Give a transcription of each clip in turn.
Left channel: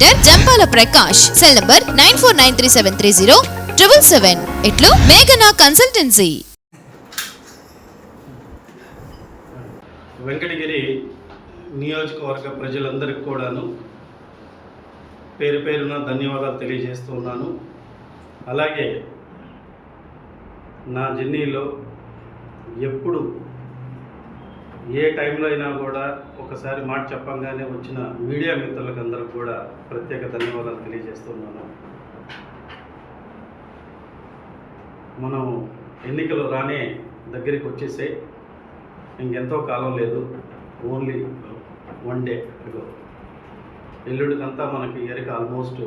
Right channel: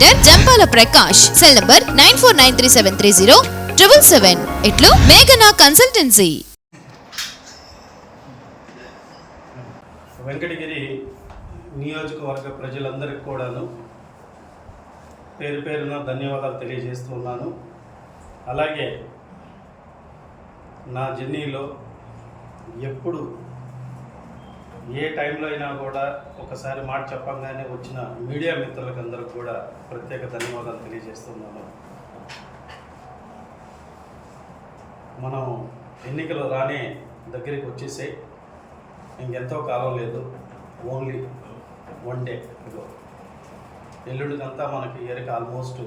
Jampala Prakash cell number nine four nine three seven three zero triple seven ఇట్లు మేఘనా consultancy Venkatagiri నియోజకవర్గ ప్రజలందరికీ కూడాను పేరు పేరున ధన్యవాదాలు తెలియజేస్తూ ఉన్నాను. అలాగే నా జర్నీలో ఎప్పుడు ఏ టైంలో అయినా కూడా ఒకసారి మాట చెప్పంగానే వచ్చిన మీడియా మిత్రులకు అందరికి కూడా ప్రత్యేక ధన్యవాదాలు తెలియజేస్తున్నాను. మనం ఎన్నికలు రానే దగ్గరికి వచ్చేసే ఇంకెంతో కాలం లేదు. ఓన్లీ వన్ డే ఇగో ఎల్లుడికంతా మనకి ఇయర్కి ఆల్మోస్ట్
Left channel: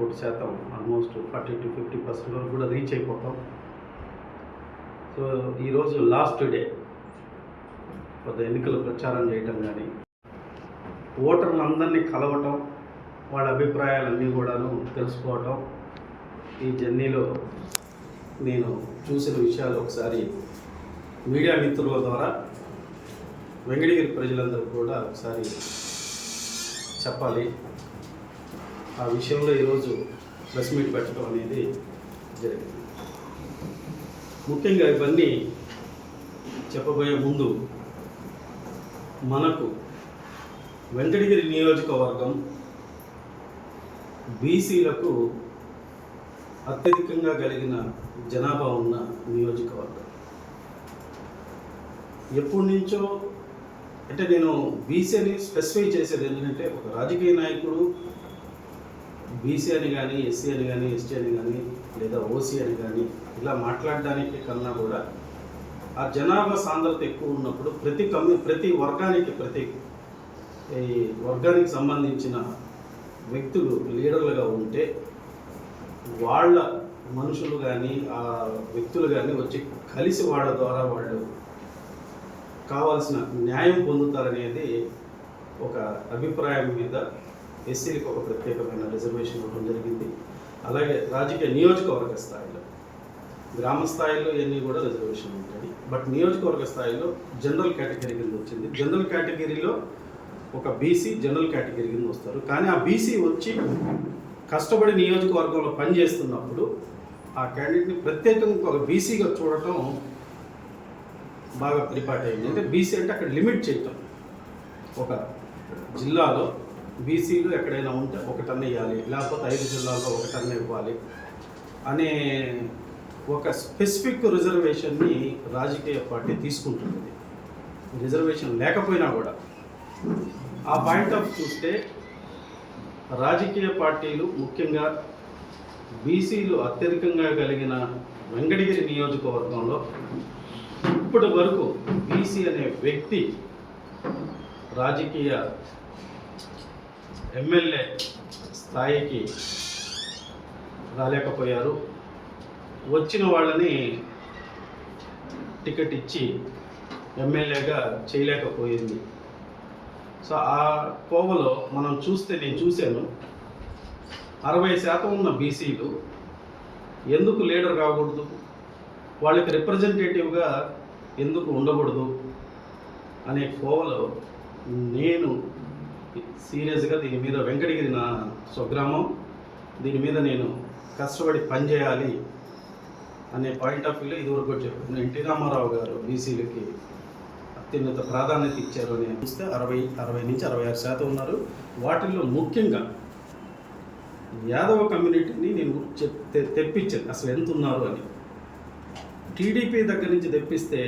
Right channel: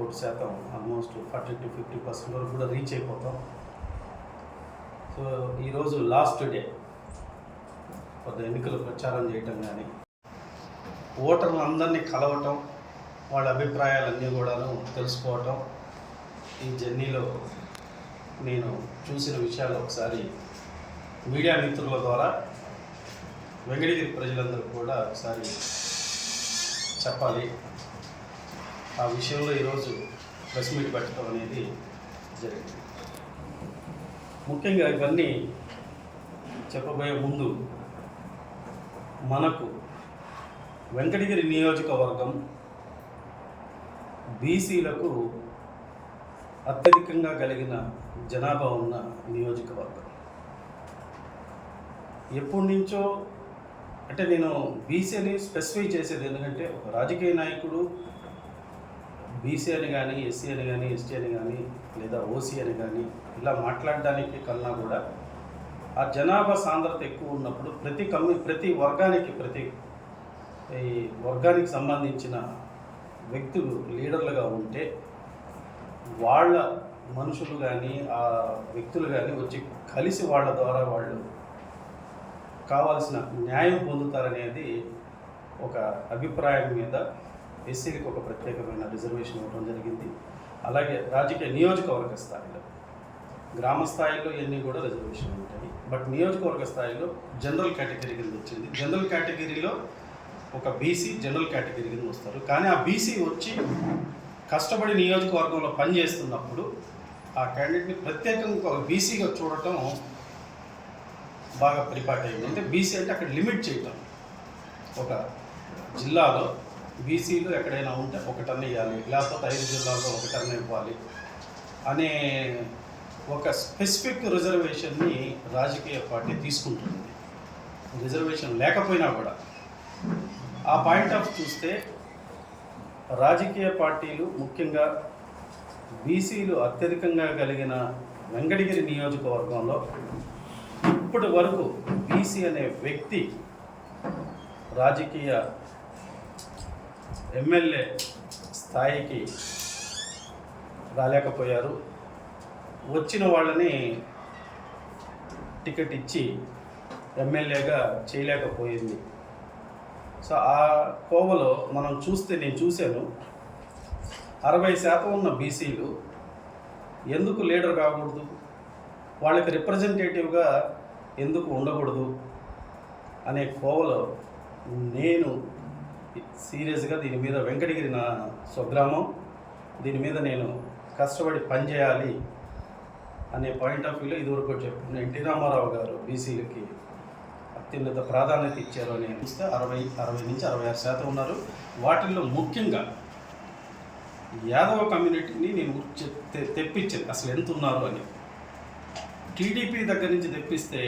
ఓటు శాతం almost forty to fifty percent వరకు కూడా రీచ్ అయిపోతాం. సో ఈరోజు లాస్ట్ డే కొంత ఎన్నికల ప్రచారం చేయటం కానీ ఓటర్లందరినీ కలవటం వాళ్ళ అభిప్రాయాలన్నీ కూడాను తెలుసుకోవటం ఈ జర్నీలో నేను చూసిన విషయాలు ఒకసారి మీడియా మిత్రుల ద్వారా వెంకటగిరి ప్రజలందరూ కూడా ఒకసారి చెప్పాలి. ఆ విషయంలో ఈరోజు ప్రెస్ మీట్ పెట్టడం అనేది జరిగింది. ముఖ్యంగా ఇవన్నీ చెప్పబోయే ముందు మనకు వెంకటగిరి నియోజకవర్గం బీసీలకు అత్యధికంగా కలిగిన జనాభా ఉన్న నియోజకవర్గం. ఎప్పటి నుంచో అంటే నేను బీసీని స్పెసిఫై చేసేది ఎందుకంటే ఒక రాజకీయ నాయకుడు బీసీ అని కానీ ఎస్సీ అని కానీ ఎస్టీ అని కానీ లేదా ఓసీ అని కానీ ఇలా మాట్లాడడానికి కన్నా కూడా ఆ జనాభా సాంద్రత ఎక్కువ ఉన్నప్పుడు ప్రతి కమ్యూ ప్రతి వర్గానికి ప్రతి ఈ వర్గానికి సంబంధించిన వ్యక్తులు లీడర్లుగా ఉంటే వాళ్ళ మనుషులు కానీ ఆ వ్యక్తులు కానీ వచ్చి కలిసి వాళ్ళ ద్వారా వాళ్ళు కావాల్సిన న్యాయం పొందుతారనేది ఒక అభిప్రాయం మీద ఎస్సీలకు ఒక ప్రత్యేకమైన రిజర్వేషన్ ఇవ్వడం జరిగింది. అలాగే రాజకీయ నియోజకవర్గ స్థాయిలో గ్రామ స్థాయిలో ఇవన్నీ కూడా రిజర్వేషన్ ఉంటాయి. బట్ నియోజకవర్గ స్థాయిలో జనరల్ కేటగిరీ కింద వచ్చింది. జనరల్ కేటగిరీలో ఒక బీసీ జనరల్ కేటగిరీ కింద వస్తారు. కానీ ఆ బీసీ వచ్చి కష్టపడి నియోజకవర్గంలో పనిచేస్తున్నప్పుడు ఆ క్యాండిడేట్ని ప్రత్యేకంగా ఒక బీసీగా చూడటం బాగా పరిపాటి అయింది అంటే బీసీ అంటే అక్కడ లిమిట్ చేయటం. ఒక జిల్లాలో బీసీలు ఎక్కడైనా ఉంటే ఒక టన్ ఇవ్వాలి. లేకపోతే ఐదు జిల్లాల్లో ఒక టన్ ఇవ్వాలి అనే ఒక స్పెసిఫిక్ రిజర్వేషన్ని రాజకీయ పార్టీ తీసుకుంటుంది. రిజర్వేషన్ లేకపోయినా కూడా. ఆ పాయింట్ ఆఫ్ చూస్తే రాజకీయ పార్టీలు ముఖ్యంగా బీసీలు అత్యధికంగా కలిగిన వెంకటగిరి నియోజకవర్గంలో ఇప్పటి వరకు బీసీ అనే వ్యక్తి రాజకీయ ఎమ్మెల్యే స్థాయికి రాలేకపోయారు. వచ్చిన వాళ్ళని టికెట్ ఇచ్చి ఎమ్మెల్యేగా చేయలేకపోయింది. సో ఆ కోవలో మనం చూస్తే నేను చూశాను. అరవై శాతం ఉన్న బీసీలు ఎందుకు లీడర్ కాకూడదు? వాళ్ళకి రిప్రజెంటేటివ్గా ఎందుకు ఉండకూడదు? అనే కోవలో నేను సీరియస్గా దీని మీద వెంకటగిరి నా స్వగ్రామం. దీని మీద నేను కష్టపడి పనిచేయాలి. అనే పాయింట్ ఆఫ్ వ్యూలో ఇదివరకు చెప్పాను ఎన్టీ రామారావు గారు బీసీలకి అత్యున్నత ప్రాధాన్యత ఇచ్చారు అని చూస్తే అరవై అరవై నుంచి అరవై ఆరు శాతం ఉన్నారు. వాటిల్లో ముఖ్యంగా యాదవ కమ్యూనిటీని నేను తెప్పించాను. అసలు ఎంత ఉన్నారు అని. టీడీపీ దగ్గర నుంచి తెప్పిస్తే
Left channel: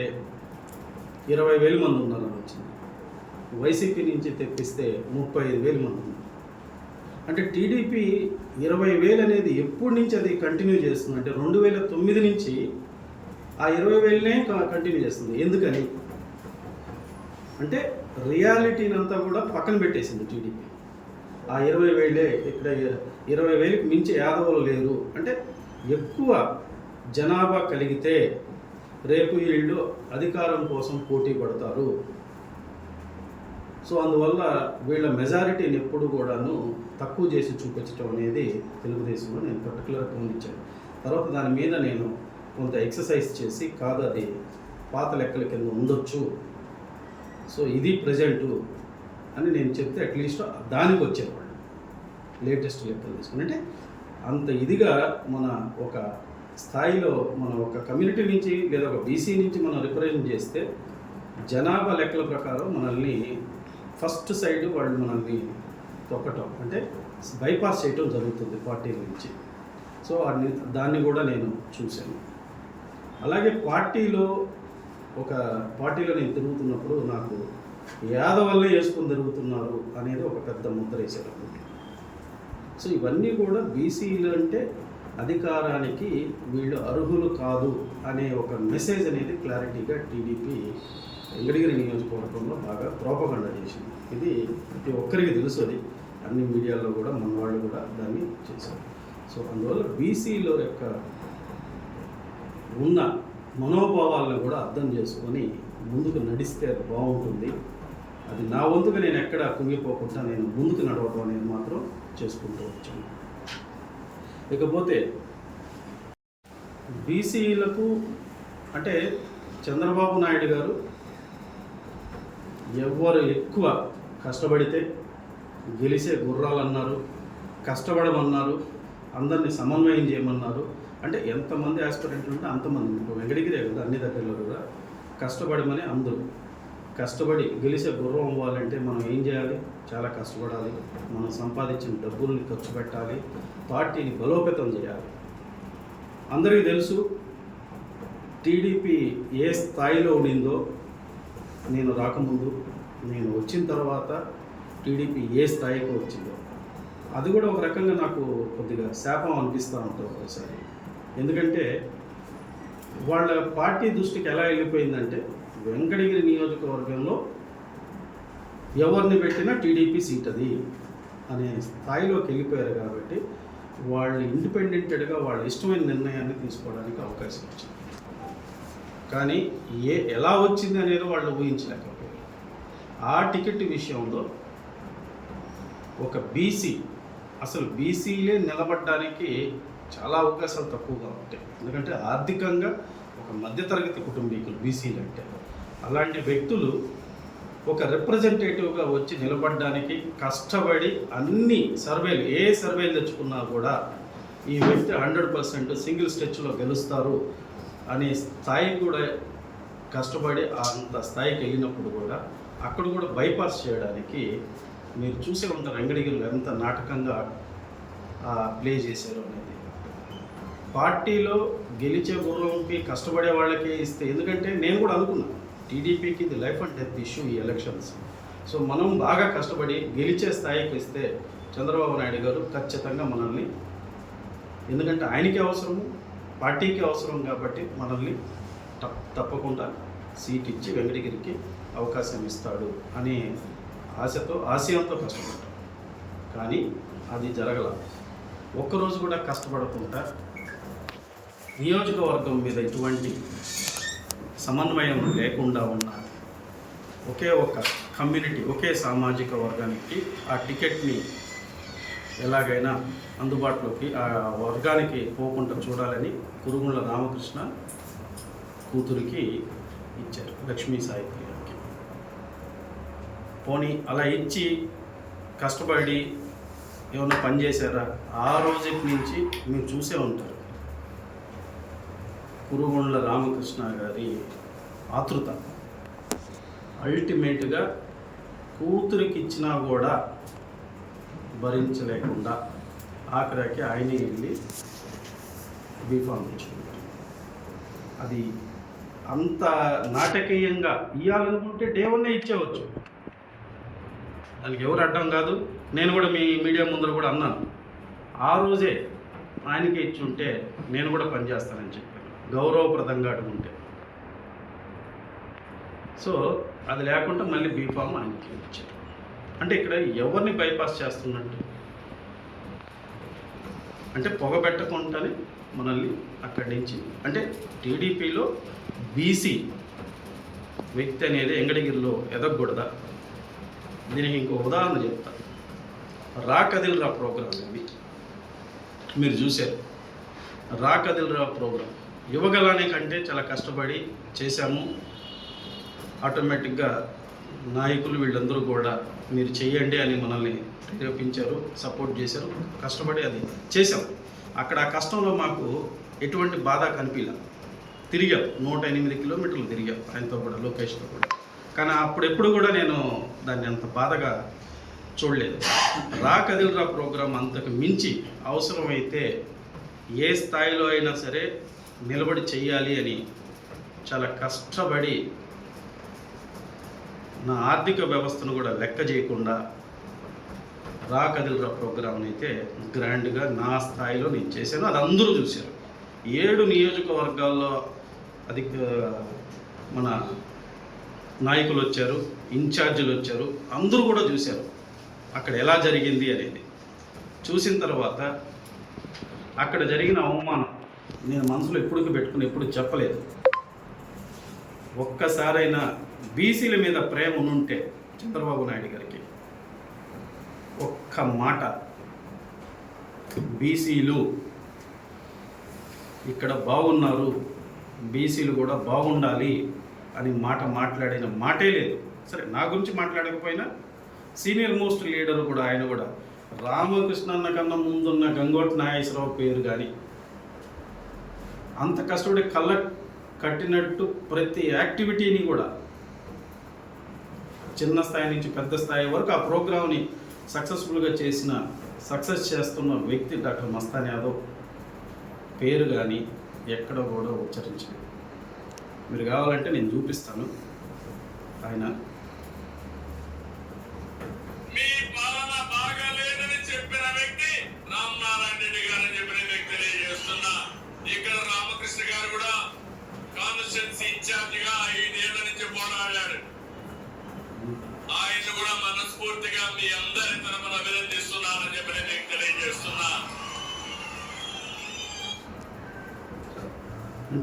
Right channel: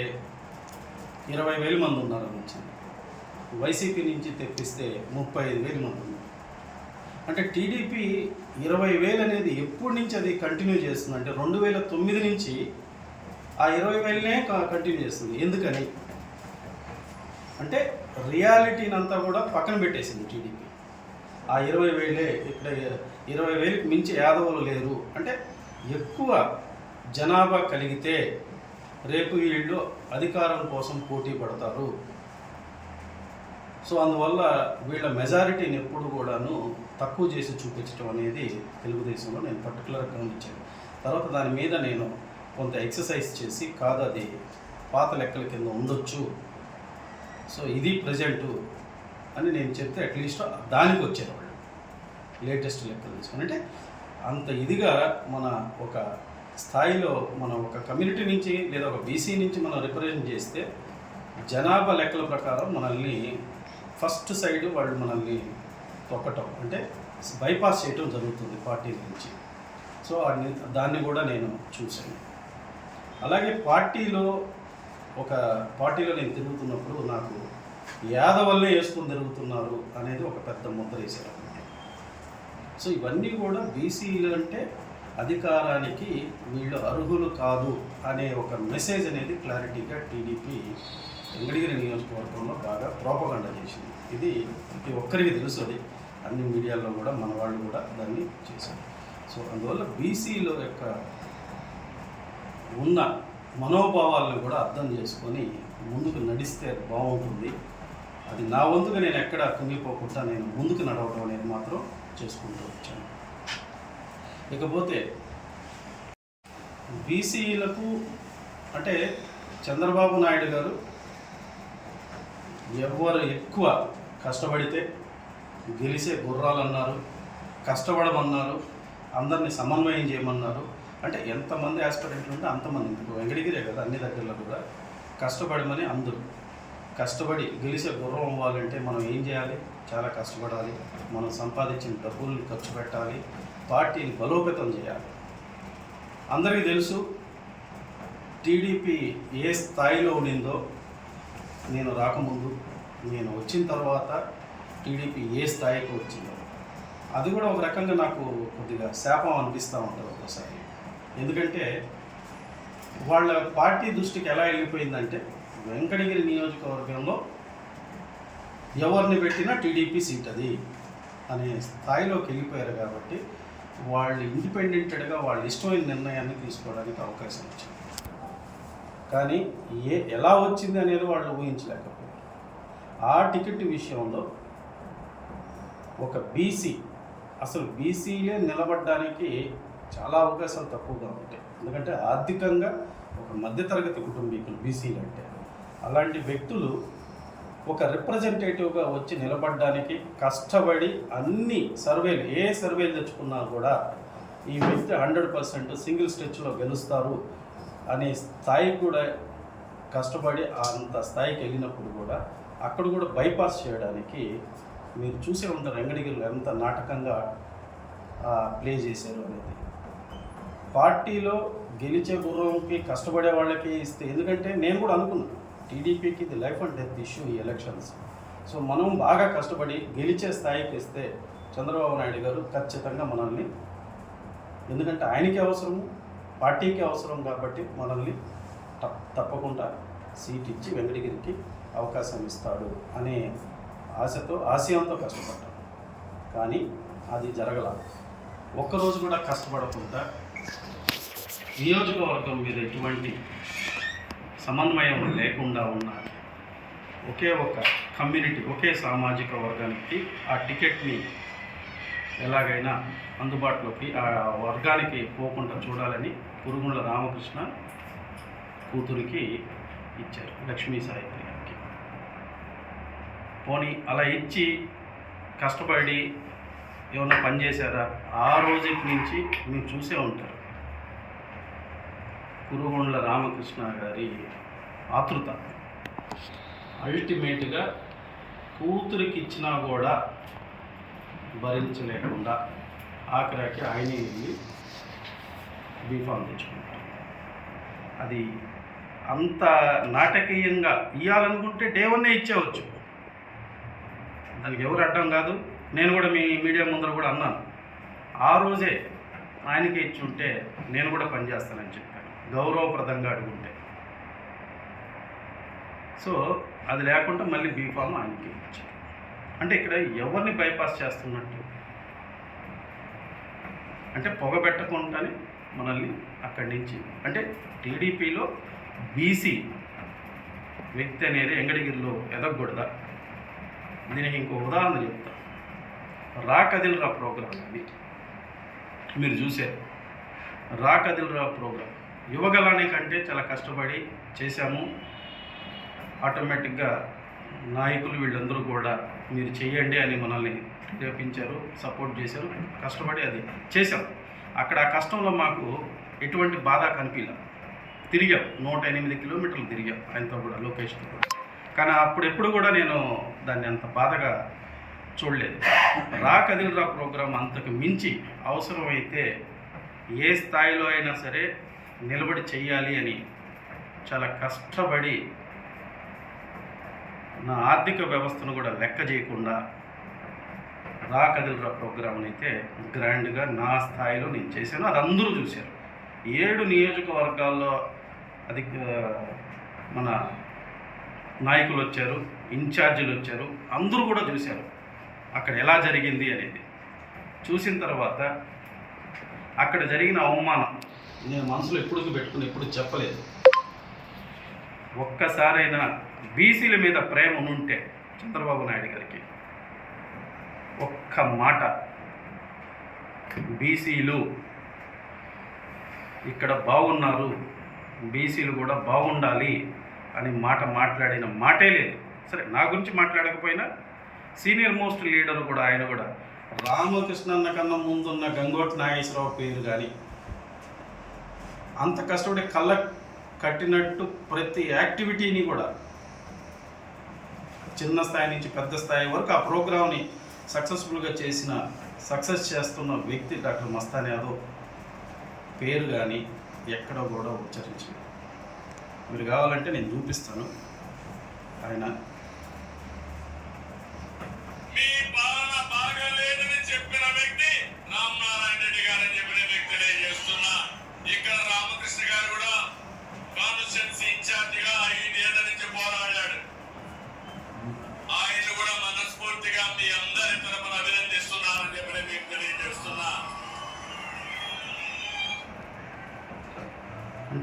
ఇరవై వేల మంది ఉన్నారని వచ్చింది. వైసీపీ నుంచి తెప్పిస్తే ముప్పై ఐదు వేల మంది ఉన్నారు. అంటే టీడీపీ ఇరవై వేలు అనేది ఎప్పటి నుంచి అది కంటిన్యూ చేస్తుంది? అంటే రెండు వేల తొమ్మిది నుంచి ఆ ఇరవై వేలనే కంటిన్యూ చేస్తుంది. ఎందుకని? అంటే రియాలిటీని అంతా కూడా పక్కన పెట్టేసింది టీడీపీ. ఆ ఇరవై వేలే ఇక్కడ ఇరవై వేలకు మించి యాదవులు లేరు. అంటే ఎక్కువ జనాభా కలిగితే రేపు వీళ్ళు అధికారం కోసం పోటీ పడతారు. సో అందువల్ల వీళ్ళ మెజారిటీని ఎప్పుడు కూడాను తక్కువ చేసి చూపించడం అనేది తెలుగుదేశంలో నేను పర్టికులర్గా గమనించాను. తర్వాత దాని మీద నేను కొంత ఎక్సర్సైజ్ చేసి కాదు అది పాత లెక్కల కింద ఉండొచ్చు. సో ఇది ప్రజెంటు అని నేను చెప్తే అట్లీస్ట్ దానికి వచ్చేవాళ్ళు. లేటెస్ట్ లెక్కలు తీసుకుని. అంటే అంత ఇదిగా మన ఒక స్థాయిలో మన ఒక కమ్యూనిటీ నుంచి లేదా ఒక బీసీ నుంచి మనం రిప్రజెంట్ చేస్తే జనాభా లెక్కల ప్రకారం మనల్ని ఫస్ట్ సైడ్ వాళ్ళు మనల్ని తొక్కటం అంటే బైపాస్ చేయటం జరుగుతుంది పార్టీ నుంచి. సో అన్ని దాన్ని కూడా నేను చూశాను. అలాగే పార్టీలో ఒక పార్టీలో నేను తిరుగుతున్నప్పుడు నాకు యాదవల్నే వేసుకుని తిరుగుతున్నారు అనేది ఒక పెద్ద ముద్ర వేసారు సో ఇవన్నీ కూడా బీసీలు అంటే అధికారానికి వీళ్ళు అర్హులు కాదు అనే ఒక మెసేజ్ అనేది క్లారిటీగా టీడీపీ వెంకటగిరి నియోజకవర్గంలో బాగా ప్రోపగండ చేసింది. ఇది ప్రతి ఒక్కరికి తెలుసు అది. అన్ని మీడియాల్లో కూడా మన వాళ్ళు కూడా దాన్ని చేశారు. సో అందువల్ల బీసీలో యొక్క ఉన్న మనోభావాలను కూడా అర్థం చేసుకొని ముందుకు నడిస్తే బాగుంటుంది. అది నా వంతుగా నేను ఎక్కడ కుంగిపోకుండా నేను ముందుకు నడవడం అనేది మాత్రం చేసుకుంటూ వచ్చాను. ఇకపోతే బీసీలకు అంటే చంద్రబాబు నాయుడు గారు ఎవరు ఎక్కువ కష్టపడితే గెలిచే గుర్రాలు అన్నారు కష్టపడమన్నారు అందరినీ సమన్వయం చేయమన్నారు. అంటే ఎంతమంది ఆస్పిరెంట్లు ఉంటే అంతమంది. ఇప్పుడు వెంకటగిరే కదా అన్ని దగ్గరలో కూడా కష్టపడమని అందరూ. కష్టపడి గెలిచే గుర్రం అవ్వాలంటే మనం ఏం చేయాలి? చాలా కష్టపడాలి. మనం సంపాదించిన డబ్బుల్ని ఖర్చు పెట్టాలి. పార్టీని బలోపేతం చేయాలి. అందరికీ తెలుసు టీడీపీ ఏ స్థాయిలో ఉండిందో నేను రాకముందు నేను వచ్చిన తర్వాత టీడీపీ ఏ స్థాయికి వచ్చిందో. అది కూడా ఒక రకంగా నాకు కొద్దిగా శాపం అనిపిస్తూ ఉంటుంది ఒక్కోసారి. ఎందుకంటే వాళ్ళ పార్టీ దృష్టికి ఎలా వెళ్ళిపోయిందంటే వెంకటగిరి నియోజకవర్గంలో ఎవరిని పెట్టినా టీడీపీ సీట్ అది అనే స్థాయిలోకి వెళ్ళిపోయారు కాబట్టి వాళ్ళు ఇండిపెండెంటెడ్గా వాళ్ళ ఇష్టమైన నిర్ణయాన్ని తీసుకోవడానికి అవకాశం వచ్చింది కానీ ఏ ఎలా వచ్చింది అనేది వాళ్ళు ఊహించలేకపోయారు. ఆ టికెట్ విషయంలో ఒక బీసీ అసలు బీసీలే నిలబడడానికి చాలా అవకాశాలు తక్కువగా ఉంటాయి. ఎందుకంటే ఆర్థికంగా ఒక మధ్యతరగతి కుటుంబీకులు బీసీలు అంటే. అలాంటి వ్యక్తులు ఒక రిప్రజెంటేటివ్గా వచ్చి నిలబడడానికి కష్టపడి అన్ని సర్వేలు ఏ సర్వేలు తెచ్చుకున్నా కూడా ఈ వ్యక్తి హండ్రెడ్ పర్సెంట్ సింగిల్ స్టెచ్లో గెలుస్తారు అనే స్థాయి కూడా కష్టపడి అంత స్థాయికి వెళ్ళినప్పుడు కూడా అక్కడ కూడా బైపాస్ చేయడానికి మీరు చూసే ఉంటారు వెంకటగిరిలో ఎంత నాటకంగా ప్లే చేశారు అనేది. పార్టీలో గెలిచే గుర్రంకి కష్టపడే వాళ్ళకి ఇస్తే ఎందుకంటే నేను కూడా అనుకున్నాను టీడీపీకి ఇది లైఫ్ అండ్ డెత్ ఇష్యూ ఈ ఎలక్షన్స్ సో మనం బాగా కష్టపడి గెలిచే స్థాయికి ఇస్తే చంద్రబాబు నాయుడు గారు ఖచ్చితంగా మనల్ని ఎందుకంటే ఆయనకి అవసరము పార్టీకి అవసరం కాబట్టి మనల్ని తప్పకుండా సీట్ ఇచ్చి వెంకటగిరికి అవకాశం ఇస్తాడు అనే ఆశతో ఆశయంతో కష్టపడ్డాం. కానీ అది జరగల. ఒక్కరోజు కూడా కష్టపడకుండా నియోజకవర్గం మీద ఎటువంటి సమన్వయం లేకుండా ఉన్న ఒకే ఒక కమ్యూనిటీ ఒకే సామాజిక వర్గానికి ఆ టికెట్ని ఎలాగైనా అందుబాటులోకి ఆ వర్గానికి పోకుండా చూడాలని కురుగుండ్ల రామకృష్ణ కూతురికి ఇచ్చారు. లక్ష్మీ సాయిత్రి పోనీ అలా ఇచ్చి కష్టపడి ఏమన్నా పని చేశారా? ఆ రోజు నుంచి మీరు చూసే ఉంటారు. కురుగొండ్ల రామకృష్ణ గారి ఆతృత. అల్టిమేట్గా కూతురికి ఇచ్చినా కూడా భరించలేకుండా ఆఖరికి ఆయనే వెళ్ళి బీఫామ్ తెచ్చుకుంటాం అది అంత నాటకీయంగా ఇవ్వాలనుకుంటే డే వన్నే ఇచ్చేవచ్చు. దానికి ఎవరు అడ్డం కాదు. నేను కూడా మీ మీడియా ముందర కూడా అన్నాను. ఆ రోజే ఆయనకి ఇచ్చి ఉంటే నేను కూడా పనిచేస్తానని చెప్పాను. గౌరవప్రదంగా అడుగుంటే. సో అది లేకుండా మళ్ళీ బీఫామ్ ఆయనకి ఇచ్చారు. అంటే ఇక్కడ ఎవరిని బైపాస్ చేస్తున్నట్టు? అంటే పొగ పెట్టకుండానే మనల్ని అక్కడి నుంచి అంటే టీడీపీలో బీసీ వ్యక్తి అనేది ఎంగడగిరిలో ఎదగకూడదా? దీనికి ఇంకో ఉదాహరణ చెప్తా. రా కదిల్రా ప్రోగ్రామ్ ఇది మీరు చూశారు. రా కదిల్రా ప్రోగ్రామ్ యువగలాని కంటే చాలా కష్టపడి చేశాము. ఆటోమేటిక్గా నాయకులు వీళ్ళందరూ కూడా మీరు చేయండి అని మనల్ని ప్రేరేపించారు సపోర్ట్ చేశారు కష్టపడి అది చేశాం. అక్కడ ఆ కష్టంలో మాకు ఎటువంటి బాధ కనిపించలే తిరిగాం. నూట ఎనిమిది కిలోమీటర్లు తిరిగాం ఆయనతో కూడా లోకేష్తో కూడా. కానీ అప్పుడెప్పుడు కూడా నేను దాన్ని అంత బాధగా చూడలేదు. రా కదిల్రా ప్రోగ్రాం అంతకు మించి అవసరమైతే ఏ స్థాయిలో అయినా సరే నిలబడి చేయాలి అని చాలా కష్టపడి నా ఆర్థిక వ్యవస్థను కూడా లెక్క చేయకుండా రా కదిల్రా ప్రోగ్రామ్ని అయితే గ్రాండ్గా నా స్థాయిలో నేను చేశాను. అది అందరూ చూశారు. ఏడు నియోజకవర్గాల్లో అది మన నాయకులు వచ్చారు ఇన్ఛార్జీలు వచ్చారు అందరూ కూడా చూశారు అక్కడ ఎలా జరిగింది అనేది. చూసిన తర్వాత అక్కడ జరిగిన అవమానం నేను మనసులో ఎప్పుడు పెట్టుకుని ఎప్పుడు చెప్పలేదు. ఒక్కసారైనా బీసీల మీద ప్రేమ ఉంటే చంద్రబాబు నాయుడు గారికి ఒక్క మాట బీసీలు ఇక్కడ బాగున్నారు బీసీలు కూడా బాగుండాలి అని మాట మాట్లాడిన మాటే లేదు. సరే నా గురించి మాట్లాడకపోయినా సీనియర్ మోస్ట్ లీడర్ కూడా ఆయన కూడా రామకృష్ణన్న కన్నా ముందున్న గంగోట్ నాగేశ్వరరావు పేరు కానీ అంత కష్టపడి కళ్ళ కట్టినట్టు ప్రతి యాక్టివిటీని కూడా చిన్న స్థాయి నుంచి పెద్ద స్థాయి వరకు ఆ ప్రోగ్రామ్ని సక్సెస్ఫుల్గా చేసిన సక్సెస్ చేస్తున్న వ్యక్తి డాక్టర్ మస్తాన్ యాదవ్ పేరు కానీ ఎక్కడ కూడా ఉచ్చరించలేదు. మీరు కావాలంటే నేను చూపిస్తాను. ఆయన మీ పాలన బాగాలేదని చెప్పిన వ్యక్తి రామనారాయణ రెడ్డి గారని చెప్పిన వ్యక్తి తెలియజేస్తున్నా. ఇక్కడ రామకృష్ణ గారు కూడా కాన్స్టిట్యున్సీ ఇన్ఛార్జ్గా ఐదేళ్ళ నుంచి పోరాడాడు. ఆయన కూడా మనస్ఫూర్తిగా మీ అందరి తరపున అభినందిస్తున్నానని చెప్పిన వ్యక్తి తెలియజేస్తున్నా.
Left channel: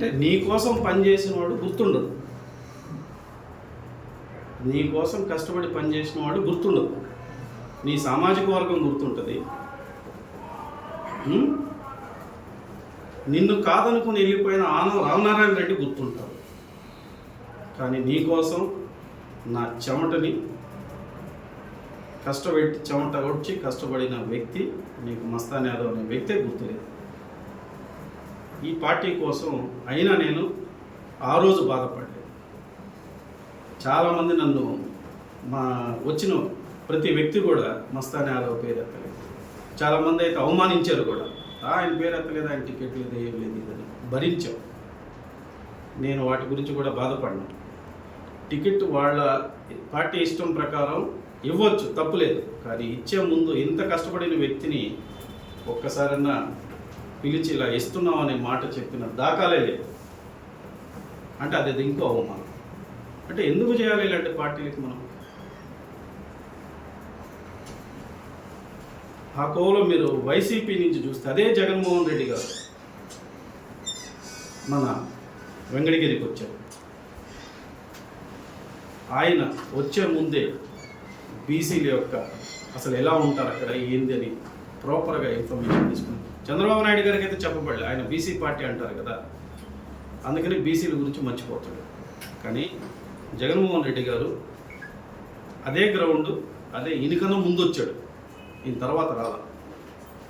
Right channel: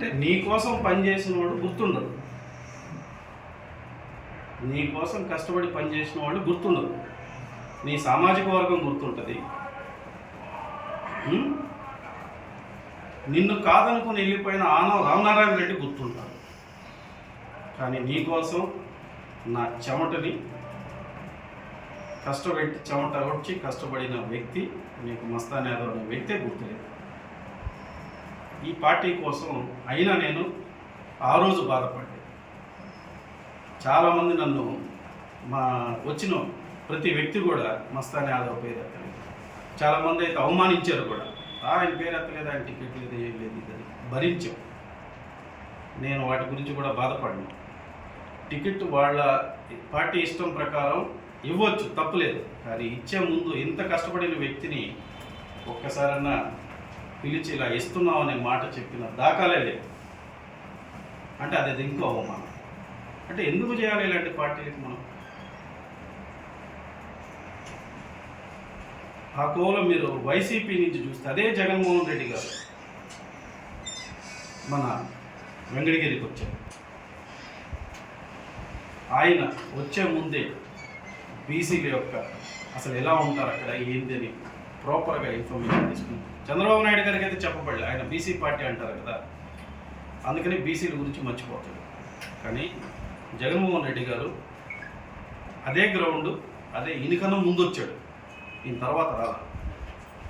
అంటే నీ కోసం పనిచేసిన వాడు గుర్తుండదు. నీ కోసం కష్టపడి పనిచేసిన వాడు గుర్తుండదు. నీ సామాజిక వర్గం గుర్తుంటుంది. నిన్ను కాదనుకుని వెళ్ళిపోయిన ఆనవ రామనారాయణ రెడ్డి గుర్తుంటారు. కానీ నీ కోసం నా చెమటని కష్టపెట్టి చెమట వచ్చి కష్టపడిన వ్యక్తి నీకు మస్తాన్ యాదవ్ అనే వ్యక్తే గుర్తులేదు. ఈ పార్టీ కోసం అయినా నేను ఆ రోజు బాధపడ్డాను. చాలామంది నన్ను మా వచ్చిన ప్రతి వ్యక్తి కూడా మస్తాన్ యాదవ్ పేరు ఎత్తలేదు. చాలామంది అయితే అవమానించారు కూడా. ఆయన పేరు ఎత్తలేదు ఆయన టికెట్ లేదు ఏం లేదు ఇదని భరించాం. నేను వాటి గురించి కూడా బాధపడినా టికెట్ వాళ్ళ పార్టీ ఇష్టం ప్రకారం ఇవ్వచ్చు తప్పులేదు. కానీ ఇచ్చే ముందు ఇంత కష్టపడిన వ్యక్తిని ఒక్కసారన్నా పిలిచి ఇలా ఇస్తున్నాం అనే మాట చెప్పిన దాఖలే లేదు. అంటే అది ఇంకో అవమానం. అంటే ఎందుకు చేయాలి ఇలాంటి పార్టీలకు మనం? ఆ కోలో మీరు వైసీపీ నుంచి చూస్తే అదే జగన్మోహన్ రెడ్డి గారు మన వెంకటగిరికి వచ్చారు. ఆయన వచ్చే ముందే బీసీల యొక్క అసలు ఎలా ఉంటారు అక్కడ ఏంది అని ప్రాపర్గా ఇన్ఫర్మేషన్ తీసుకుంటారు చంద్రబాబు నాయుడు గారికి అయితే చెప్పబడలేదు ఆయన బీసీ పార్టీ అంటారు కదా. అందుకని బీసీల గురించి మర్చిపోతాడు. కానీ జగన్మోహన్ రెడ్డి గారు అదే గ్రౌండ్ అదే ఇనికన్నా ముందు వచ్చాడు. ఈయన తర్వాత రాలా.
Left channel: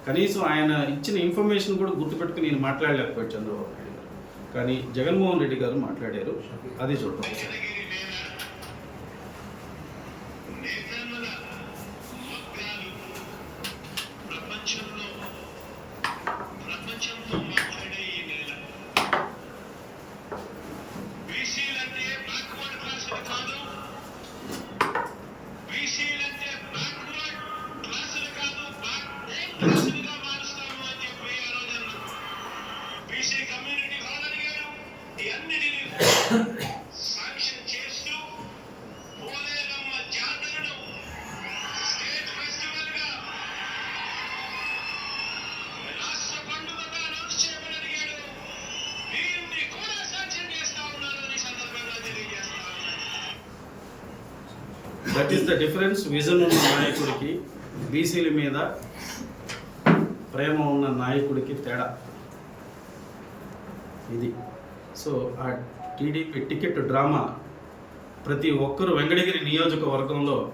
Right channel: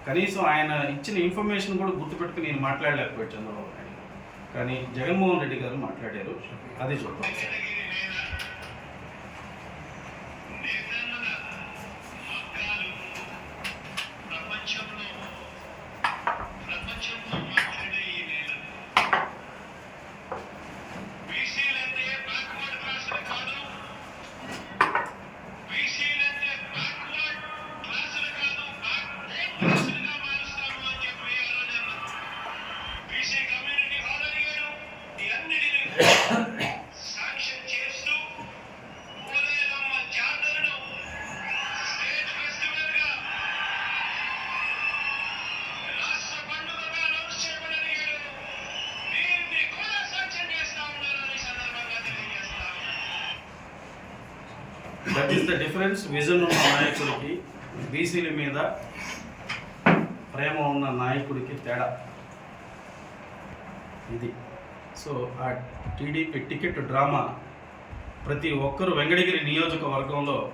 కనీసం ఆయన ఇచ్చిన ఇన్ఫర్మేషన్ కూడా గుర్తుపెట్టుకుని నేను మాట్లాడలేకపోయాడు చంద్రబాబు నాయుడు గారు. కానీ జగన్మోహన్ రెడ్డి గారు మాట్లాడారు. అదే చూద్దాం. దట్ ద డిఫరెన్స్ విజన్ ఉన్న నాయకుడికి బీసీల మీద ప్రేమ ఉన్న నాయకుడికి తేడా. ఇది. సో ఆ టీడీపీ టికెట్ డ్రామా ప్రతి ఒక్కరు వెంకటగిరి నియోజకవర్గంలో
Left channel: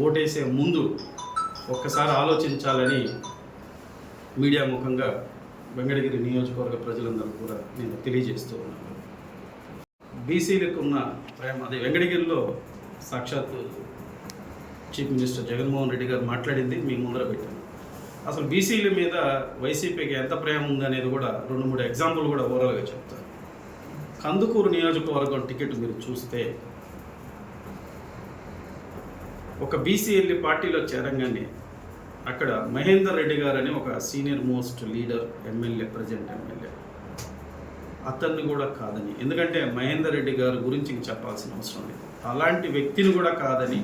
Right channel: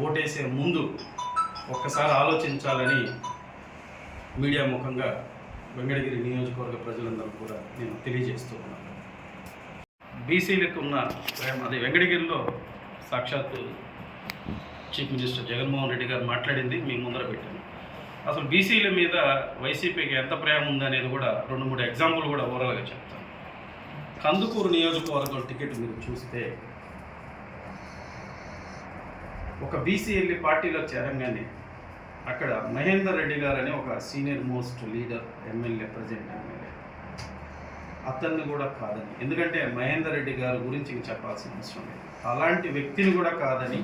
ఓటేసే ముందు ఒక్కసారి ఆలోచించాలని మీడియా ముఖంగా వెంకటగిరి నియోజకవర్గ ప్రజలందరూ కూడా నేను తెలియజేస్తూ ఉన్నాను. బీసీలకు ఉన్న ప్రేమ అది వెంకటగిరిలో సాక్షాత్ చీఫ్ మినిస్టర్ జగన్మోహన్ రెడ్డి గారు మాట్లాడింది మీ ముందర పెట్టాను. అసలు బీసీల మీద వైసీపీకి ఎంత ప్రేమ ఉందనేది కూడా రెండు మూడు ఎగ్జాంపుల్ కూడా ఓవరాల్గా చెప్తాను. కందుకూరు నియోజకవర్గం టికెట్ మీరు చూస్తే ఒక బీసీ వెళ్ళి పార్టీలో చేరంగానే అక్కడ మహేందర్ రెడ్డి గారు అని ఒక senior most leader MLA present MLA. అతన్ని కూడా కాదని. ఎందుకంటే మహేందర్ రెడ్డి గారి గురించి చెప్పాల్సిన అవసరం లేదు. అలాంటి వ్యక్తిని కూడా కాదని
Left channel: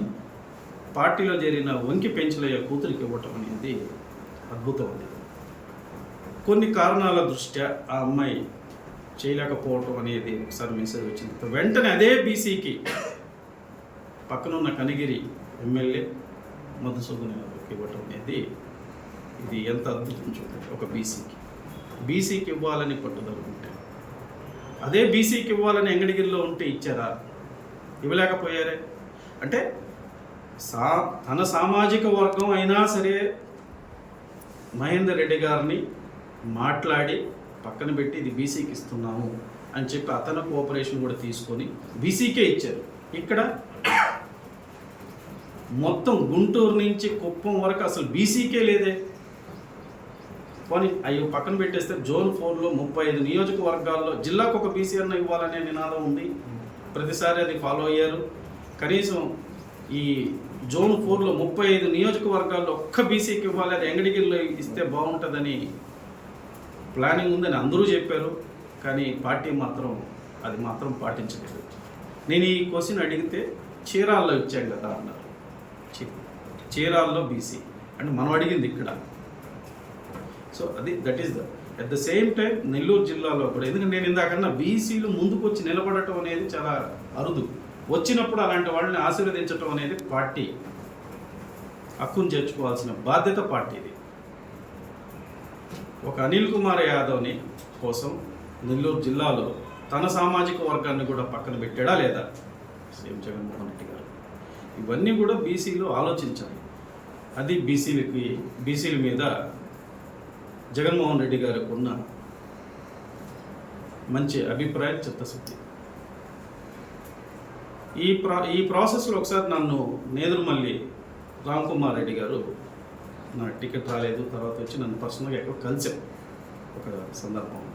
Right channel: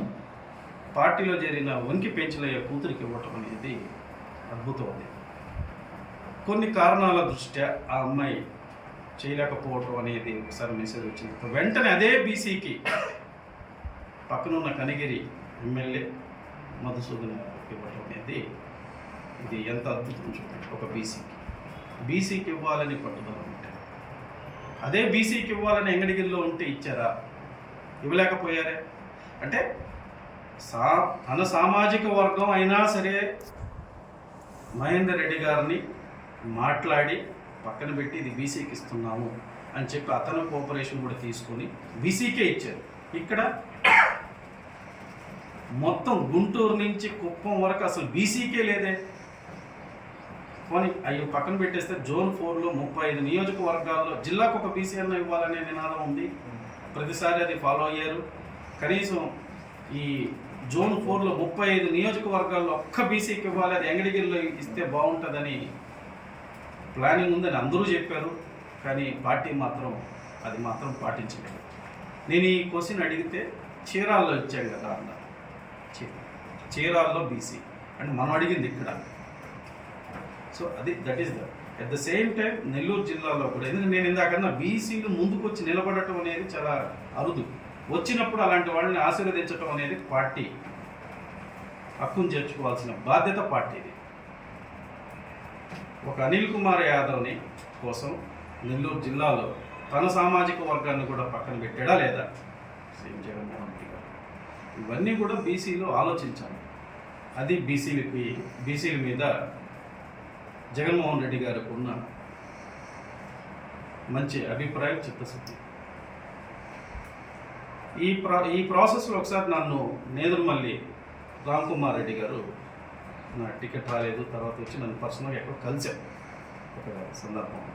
పార్టీలో చేరిన వంకి పెంచలయ్య కూతురికి ఇవ్వటం అనేది అద్భుతం అది కొన్ని కారణాల దృష్ట్యా ఆ అమ్మాయి చేయలేకపోవటం అనేది ఒకసారి మెసేజ్ వచ్చింది. వెంటనే అదే బీసీకి పక్కనున్న కనిగిరి ఎమ్మెల్యే మధుసూదన్ ఇవ్వటం అనేది ఇది ఎంత అద్భుతం చూడండి ఒక బీసీకి. బీసీకి ఇవ్వాలని పట్టుదల ఉంటే అదే బీసీకి ఇవ్వాలని ఎంగడిగిరిలో ఉంటే ఇచ్చారా? ఇవ్వలేకపోయారే? అంటే సా తన సామాజిక వర్గం అయినా సరే మహేందర్ రెడ్డి గారిని మాట్లాడి పక్కన పెట్టి ఇది బీసీకి ఇస్తున్నాము అని చెప్పి అతను కోఆపరేషన్ కూడా తీసుకొని బీసీకే ఇచ్చారు. ఇక్కడ మొత్తం గుంటూరు నుంచి కుప్పం వరకు అసలు బీసీకే లేదే. పోనీ అవి పక్కన పెట్టేస్తే జోన్ ఫోర్లో ముప్పై ఐదు నియోజకవర్గాల్లో జిల్లాకు ఒక బీసీ అన్న ఇవ్వాలనే నినాదం ఉంది. ప్రతిసారి అది ఫాలో అయ్యారు. కనీసం ఈ జోన్ ఫోర్లో ముప్పై ఐదు నియోజకవర్గాల్లో ఒక్క బీసీకి ఇవ్వాలి అది ఎంగడిగిరిలో ఇస్తే బాగుంటుందని ప్లానింగ్ ఉందని అందరూ చెప్పారు. కానీ పార్టీ మాత్రం అది మాత్రం పాటించలేదు. నేను ఈ క్వశ్చన్ అడిగితే చీరాల్లో ఇచ్చాం కదా అన్నారు. చీరాల్లో బీసీ అంటే మనం అడిగింది ఇక్కడ. సో అది that is the at the same time Nellore జిల్లాలో కూడా ఎందుకంటే నేను ఇందాకన్నా బీసీలు ముందుకు వచ్చి నిలబడటం అనేది చాలా అరుదు. వచ్చినప్పుడు అలాంటి వాళ్ళని ఆశీర్వదించటం అనేది పార్టీ. హక్కును చేర్చుకోవాల్సిన బాధ్యత పార్టీది ఒక అనిల్ కుమార్ యాదవ్ని కోసం నెల్లూరు జిల్లాలో తన సామాజిక వర్గాన్ని కూడా పక్కన పెట్టాడా లేదా? సీఎం జగన్మోహన్ రెడ్డి గారు. ఇవన్నీ కూడా బీసీలు ఆలోచించాలి. అది బీసీలకి బీసీల మీద జగన్మోహన్ రెడ్డి గారు ఉన్న మంచి అభిప్రాయం చిత్తశుద్ధి. ఈ ప్రా ఈ ప్రాసెస్లో ఒకసారి నన్ను నేదురుమల్లి రామ్ కుమార్ రెడ్డి గారు నా టికెట్ రాలేదు తర్వాత వచ్చి నన్ను పర్సనల్గా ఎక్కడో కలిశారు ఒక సందర్భంలో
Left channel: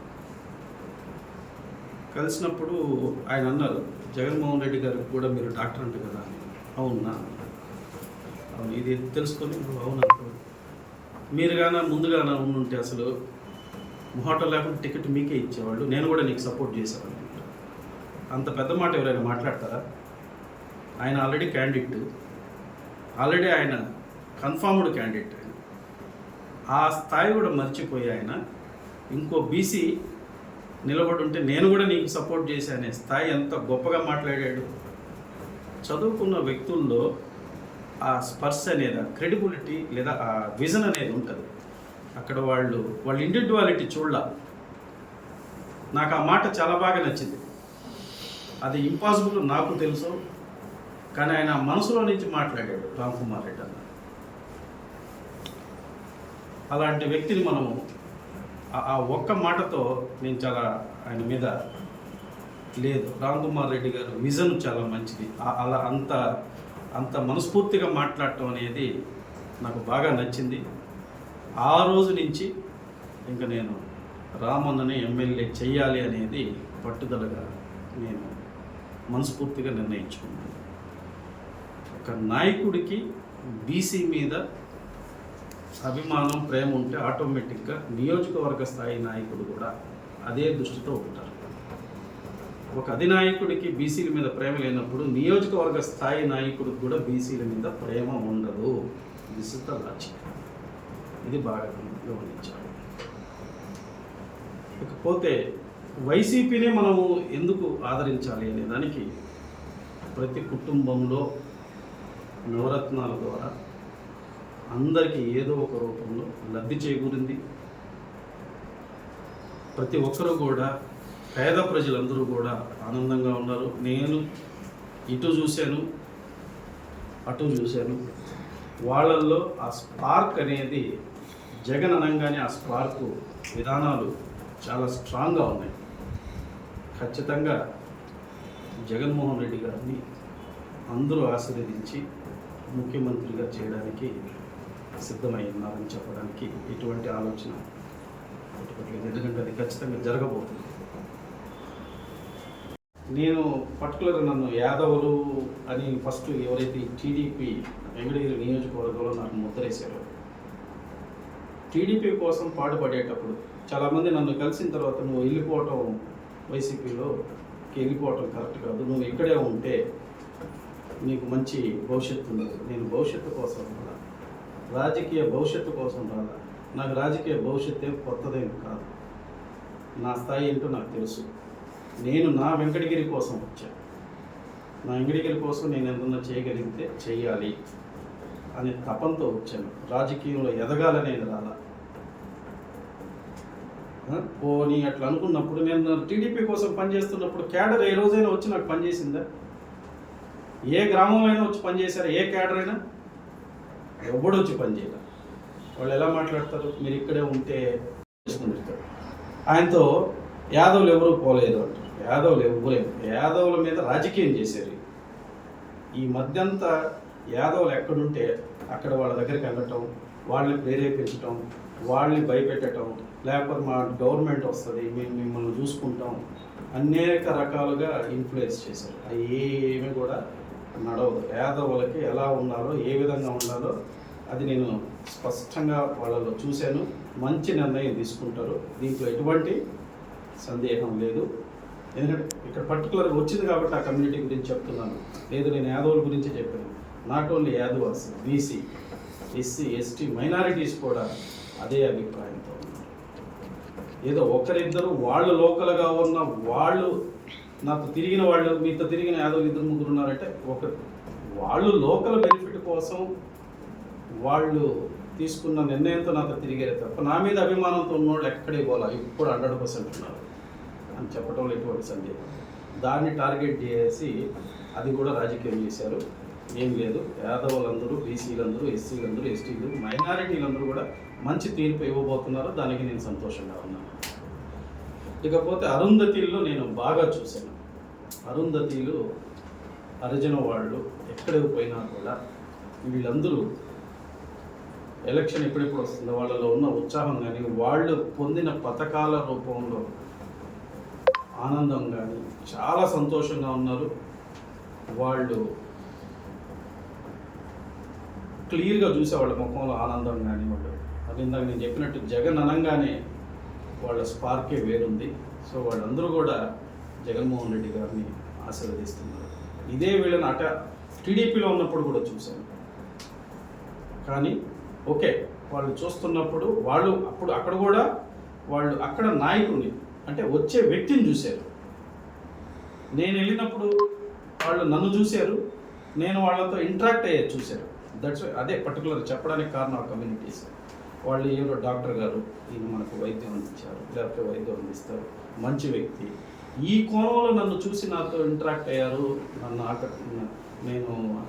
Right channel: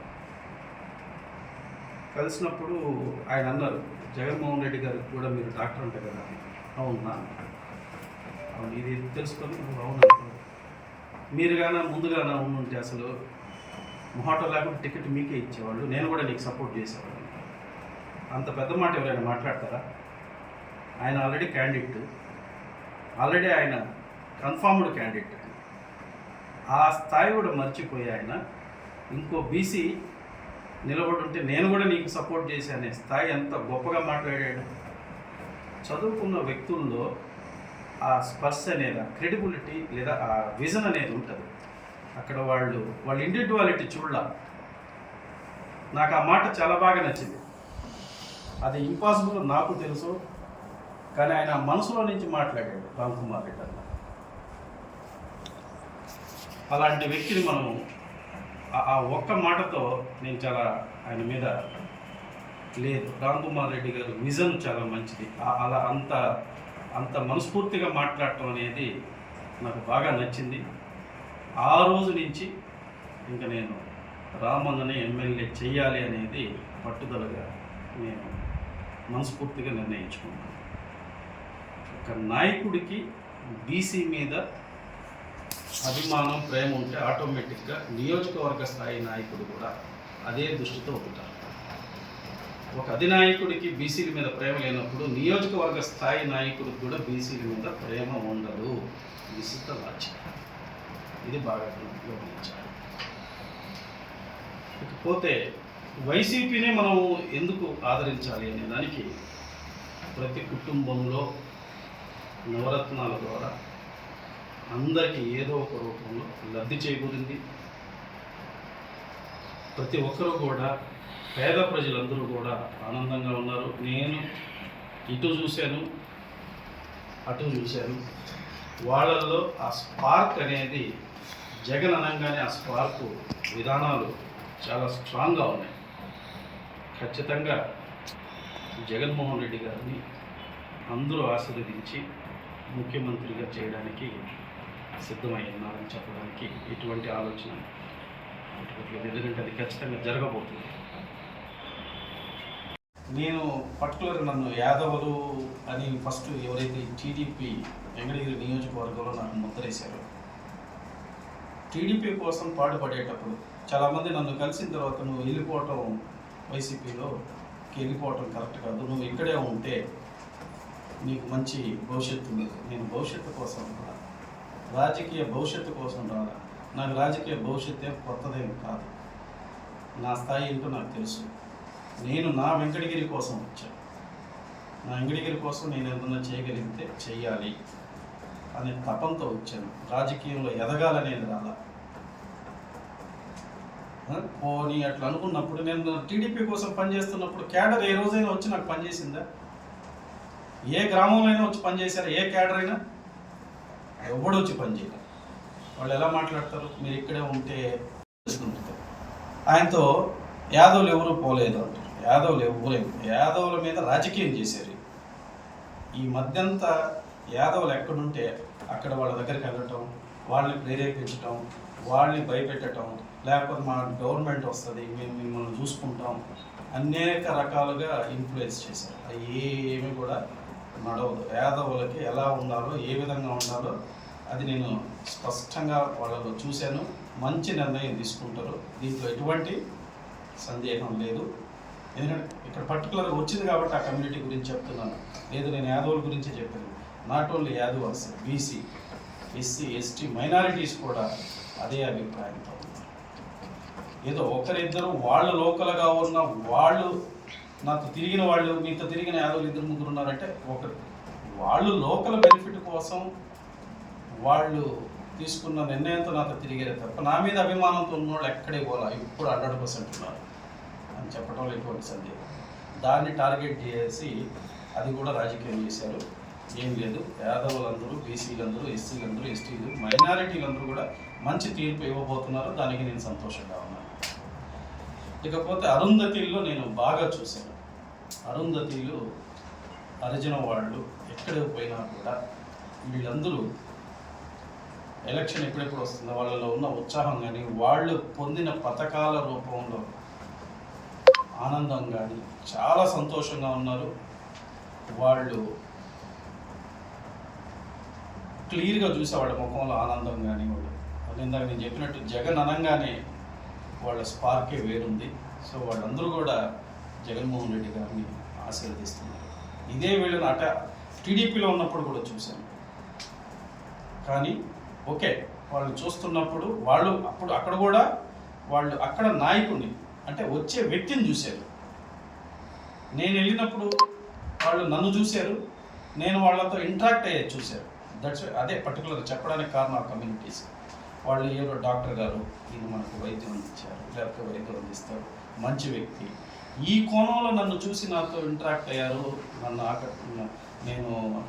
కలిసినప్పుడు ఆయన అన్నారు జగన్మోహన్ రెడ్డి గారికి కూడా మీరు డాక్టర్ అంటే కదా అవునా అవును ఇది తెలుసుకొని అవును అనుకోండి మీరు కానీ ముందుగా ఉండుంటే అసలు మొహటం లేకుండా టికెట్ మీకే ఇచ్చేవాళ్ళు. నేను కూడా నీకు సపోర్ట్ చేసేవాడు అంత పెద్ద మాట ఎవరైనా మాట్లాడతారా? ఆయన ఆల్రెడీ క్యాండిడేట్ ఆల్రెడీ ఆయన కన్ఫామ్డ్ క్యాండిడేట్ ఆయన ఆ స్థాయి కూడా మర్చిపోయి ఆయన ఇంకో బీసీ నిలబడి ఉంటే నేను కూడా నీకు సపోర్ట్ చేశానే. స్థాయి ఎంత గొప్పగా మాట్లాడాడు. చదువుకున్న వ్యక్తుల్లో ఆ స్పర్శ అనేది ఆ క్రెడిబిలిటీ లేదా ఆ విజన్ అనేది ఉంటుంది. అక్కడ వాళ్ళు వాళ్ళ ఇండివిజువాలిటీ చూడాల. నాకు ఆ మాట చాలా బాగా నచ్చింది. అది ఇంపాసిబుల్ నాకు తెలుసు కానీ ఆయన మనసులో నుంచి మాట్లాడాడు రామ్ కుమార్ రెడ్డి అన్న. అలాంటి వ్యక్తిని మనం ఆ- ఒక్క మాటతో నేను చాలా ఆయన మీద లేదు. రామ్ కుమార్ రెడ్డి గారు విజన్ చాలా మంచిది. అలా అంత అంత మనస్ఫూర్తిగా మాట్లాడటం అనేది నాకు బాగా నచ్చింది. ఆ రోజు నుంచి ఇంకా నేను రామన్నని ఎమ్మెల్యే చెయ్యాలి అనేది పట్టుదలగా నేను మనస్ఫూర్తిగా నిర్ణయించుకున్నాను. ఒక నాయకుడికి బీసీ మీద అభిమానం ప్రేమ ఉంటే ఆటోమేటిక్గా నియోజకవర్గ స్థాయి నాయకుడు కూడా అదే దృష్టితో ఉంటారు. ఒక అధినాయకుడికి బీసీల మీద ప్రేమ లేనప్పుడు నియోజకవర్గ స్థాయి నాయకుడికి కూడా బీసీల మీద ప్రేమ ఉండదు. విశిష్ట ఇస్ లాజిక్ ఇది బాగా గమనించాలి. ఇకపోతే వైసీపీని మనం ఎందుకు ఆదరించాలి అనే దానికి ప్రతి కుటుంబంలో నవరత్నాల ద్వారా అందరికీ ఏదో ఒక రూపంలో లబ్ధి చేకూరింది ప్రతి ఒక్కరూ కూడా పేద ప్రజలందరూ కూడా ఆనందంగా ఉన్నారు. నేను ఇటు చూశాను అటు చూశాను. వాళ్ళల్లో ఆ స్పార్క్ అనేది జగన్ అనగానే ఆ స్పార్క్ విధానాలు చాలా స్ట్రాంగ్గా ఉన్నాయి. ఖచ్చితంగా జగన్మోహన్ రెడ్డి గారిని అందరూ ఆశీర్వదించి ముఖ్యమంత్రిగా చేయడానికి సిద్ధమై ఉన్నారని చెప్పడానికి ఎటువంటి ఆలోచన ఎందుకంటే అది ఖచ్చితంగా జరగబోతుంది. నేను పర్టికులర్ నన్ను యాదవులు అని ఫస్ట్ ఎవరైతే టీడీపీ వెంకటగిరి నియోజకవర్గంలో నాకు ముద్రేశారో టీడీపీ కోసం పాటుపడేటప్పుడు చాలామంది నన్ను కలిసిన తర్వాత నువ్వు వెళ్ళిపోవటం వైసీపీలో వెళ్ళిపోవటం కరెక్ట్ కాదు. నువ్వు ఇక్కడే ఉంటే నీకు మంచి భవిష్యత్తు ఉంది నేను భవిష్యత్తు కోసం రాలా. రాజకీయ భవిష్యత్తు కోసం రాలా. నాకు రాజకీయ భవిష్యత్తు ఏం కొత్తదేం కాదు. నా స్థాయి ఏంటో నాకు తెలుసు. నేను నా వెంకటగిరి కోసం వచ్చాను. నా వెంకటగిరి కోసం నేను ఏదన్నా చేయగలిగితే చేయాలి అనే తపంతో వచ్చాను. రాజకీయంలో ఎదగాలనేది రాలా పోనీ అట్లా అనుకున్నప్పుడు నేను టీడీపీ కోసం పనిచేస్తున్నప్పుడు క్యాడర్ ఏ రోజైనా వచ్చి నాకు పనిచేసిందా? ఏ గ్రామంలో అయినా వచ్చి పనిచేశారా? ఏ క్యాడర్ అయినా? ఎవడు వచ్చి పనిచేయలే. వాళ్ళు ఎలా మాట్లాడతారు? మీరు ఇక్కడే ఉంటే చేసుకుంటారు ఆయనతో యాదవులు ఎవరూ పోలేదు అంటారు యాదవులు ఎవరే యాదవుల మీద రాజకీయం చేశారు. ఈ మధ్యంతా యాదవులు ఎక్కడుంటే అక్కడ వాళ్ళ దగ్గరికి వెళ్ళటం వాళ్ళని ప్రేరేపించటం వాళ్ళని భయపెట్టడం లేకపోతే మా గవర్నమెంట్ వస్తుంది మేము మిమ్మల్ని చూసుకుంటాం అనేక రకాలుగా ఇన్ఫ్లుయెన్స్ చేశారు. అవి ఏమి కూడా నడవదు. యాదవులకి ఎలా ఉండాలో ఏ విధంగా ఉండాలో అది నేను స్పష్టంగా వాళ్ళలో చూశాను. మంచి నిర్ణయం తీసుకుంటారు. దీంట్లో ఎటువంటి సందేహం లేదు. ఎందుకంటే ఇక్కడ పర్టికులర్గా వచ్చింది కాబట్టి ఆ కమ్యూనిటీ గురించి చెప్తున్నాను. లేదు నేను యాదవుల గురించి చెప్పాను not only Yadavas BC SC ST minorities కూడా అదే అభిప్రాయంతో ఉన్నారు. ఏదో ఒకరిద్దరు వాళ్ళు లోకల్గా ఉన్న వాళ్ళు నాతో తిరిగిన వాళ్ళు మీతో తిరిగిన యాదవులు ఇద్దరు ముగ్గురు ఉన్నారంటే ఒక వాళ్ళు లోకల్ బెనిఫిట్ కోసం వాళ్ళు తీసుకున్న నిర్ణయంతో నాతో తిరిగారే తప్ప నా మీద అభిమానంతో ఉన్నోళ్ళు ఎక్కడే పోలా. ఇప్పుడు హండ్రెడ్ పర్సెంట్ ఉన్నారు. అని చెప్పడంలో ఎటువంటి సందేహం దాన్ని టార్గెట్ చేసి అది కూడా రాజకీయం చేశారు. ఏం లేదు. యాదవులందరూ బీసీలందరూ ఎస్సీలందరూ ఎస్టీలు మైనారిటీలందరూ కూడా మంచి తీర్పు ఇవ్వబోతున్నారు దానికి నేను సంతోషంగా ఉన్నాను. ఇకపోతే అరుంధతిల్లో నేను బాగా చూశాను. అరుంధతిలు హరిజన వాళ్ళు ఎక్కడికి పోయినా కూడా వీళ్ళందరూ ఎలక్షన్ ఎప్పుడెప్పుడు వస్తుందో వాళ్ళలో ఉన్న ఉత్సాహం కానీ వాళ్ళు పొందిన పథకాల రూపంలో ఆనందం కానీ చాలా సంతోషంగా ఉన్నారు. వాళ్ళు క్లియర్గా చూసే వాళ్ళ ముఖంలో ఆనందం కానీ వాళ్ళు అది ఇందాక నేను చెప్పినట్టు జగన్ అనగానే వాళ్ళ స్పార్కే వేరుంది. సో వాళ్ళందరూ కూడా జగన్మోహన్ రెడ్డి గారిని ఆశీర్వదిస్తున్నారు. ఇదే వీళ్ళని అట టీడీపీలో ఉన్నప్పుడు కూడా చూశాను. కానీ ఓకే వాళ్ళు చూస్తున్నప్పుడు వాళ్ళు అప్పుడు అక్కడ కూడా వాళ్ళు అక్కడ నాయకుడిని అంటే వచ్చే వ్యక్తిని చూశారు. నేను వెళ్ళినప్పుడు వాళ్ళు నన్ను చూశారు. నేను వాళ్ళతో ఇంటరాక్ట్ అయ్యేది చూశారు. దట్స్ అదే పర్టికులర్ చెప్పడానికి కారణం ఆ కమ్యూనిటీస్ వాళ్ళు ఏదో డాక్టర్ గారు ఈయన మనకు వైద్యం అందించారు లేకపోతే వైద్యం అందిస్తారు. మంచి వ్యక్తి. ఈ కోణంలో నన్ను చూసి నాతో ఇంటరాక్ట్ అయ్యారు. నన్ను ఆక నేను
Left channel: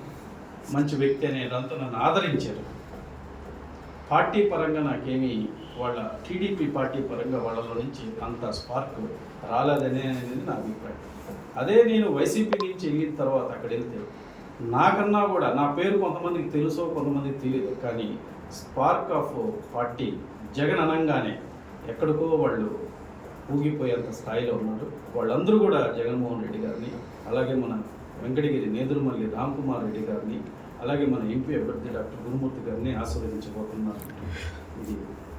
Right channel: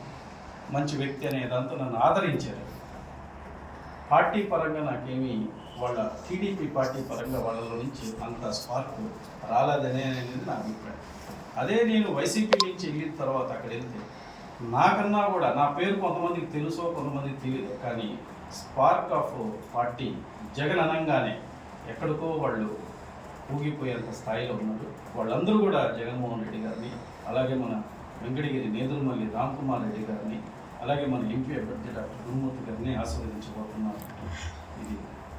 మంచి వ్యక్తి అనే దాంతో నన్ను ఆదరించారు. పార్టీ పరంగా నాకేమీ వాళ్ళ టీడీపీ పార్టీ పరంగా వాళ్ళలో నుంచి అంత స్పార్క్ రాలేదనే అనేది నా అభిప్రాయం. అదే నేను వైసీపీ నుంచి వెళ్ళిన తర్వాత అక్కడ వెళ్తే నాకన్నా కూడా నా పేరు కొంతమందికి తెలుసో కొంతమందికి తెలియదు కానీ స్పార్క్ ఆఫ్ పార్టీ జగన్ అనంగానే ఎక్కడికో వాళ్ళు ఊగిపోయేంత స్థాయిలో ఉన్నారు. వాళ్ళందరూ కూడా జగన్మోహన్ రెడ్డి గారిని అలాగే మన వెంకటగిరి నేదురుమల్లి రామ్ కుమార్ రెడ్డి గారిని అలాగే మన ఎంపీ అభ్యర్థి డాక్టర్ గురుమూర్తి గారిని ఆశీర్వదించబోతున్నారు. ఇది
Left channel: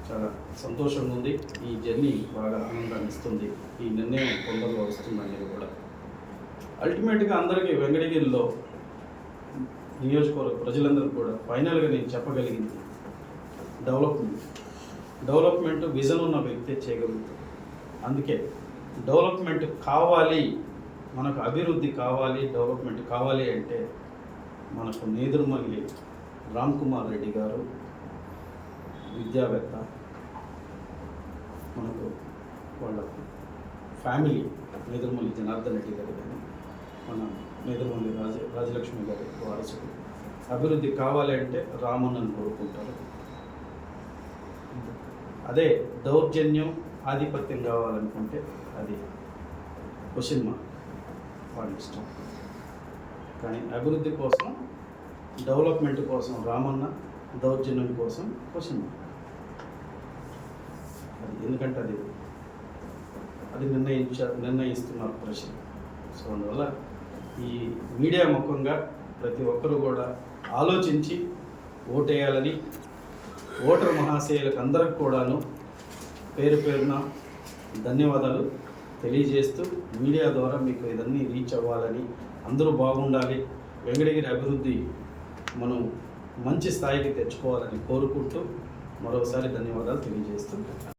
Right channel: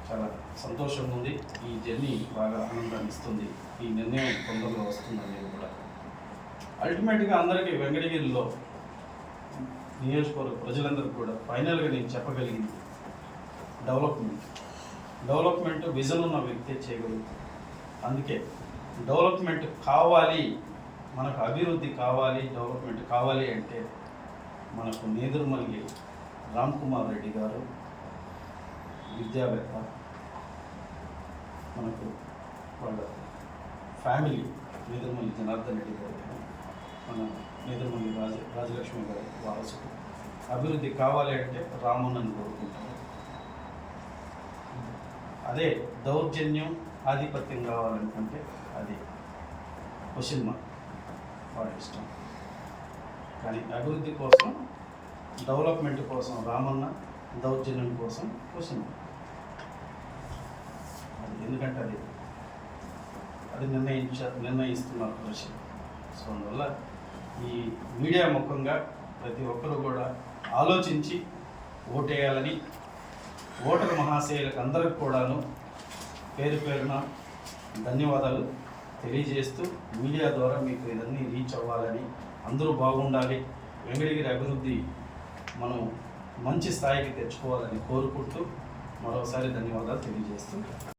చాలా సంతోషంగా ఉంది. ఈ జర్నీ బాగా ఆనందాన్ని ఇస్తుంది. ఈ నిర్ణయం తొందరలో వస్తుంది అనేది కూడా అల్టిమేట్గా అందరికీ వెంకటగిరిలో నియోజకవర్గ ప్రజలందరికీ కూడా ఫైనల్గా నేను చెప్పగలిగింది డెవలప్మెంట్. డెవలప్మెంట్ విజన్ ఉన్న వ్యక్తి చేయగలుగుతుంది అందుకే డెవలప్మెంట్ కావాలి మనకు అభివృద్ధి కావాలి డెవలప్మెంట్ కావాలి అంటే మనకు నేదురుమల్లి రామ్ కుమార్ రెడ్డి గారు విద్యావేత్త మనకు వాళ్ళ ఫ్యామిలీ మేదరమల్లి జనార్దన్ రెడ్డి గారు కానీ మన మేదరమల్లి రాజ రాజలక్ష్మి గారి వారసుడు అభివృద్ధి కావాలి అంటే రామన్నను కోరుకుంటారు. అదే దౌర్జన్యం ఆధిపత్యం కావాలనుకుంటే అది క్వశ్చన్ మార్క్ వాళ్ళ ఇష్టం. కానీ అభివృద్ధి కోసం డెవలప్మెంట్ కోసం రామన్న దౌర్జన్యం కోసం క్వశ్చన్ మార్క్ ఎందుకంటే అది అది నిర్ణయించ నిర్ణయిస్తున్నారు ప్రజలు సో అందువల్ల ఈ మీడియా ముఖంగా ప్రతి ఒక్కరూ కూడా ఆలోచించి ఓటేయాలని ఓటర్ మహాశయులకు అందరికి కూడాను పేరు పేరున ధన్యవాదాలు తెలియజేస్తూ మీడియా ద్వారా మీకు ఇదన్నీ రీచ్ అవ్వాలని అందరూ బాగుండాలి. వెంకటగిరి అభివృద్ధి మనం మంచి స్థాయికి తెచ్చుకోవాలని కోరుకుంటూ మరోసారి ధన్యవాదాలు తెలియజేస్తూ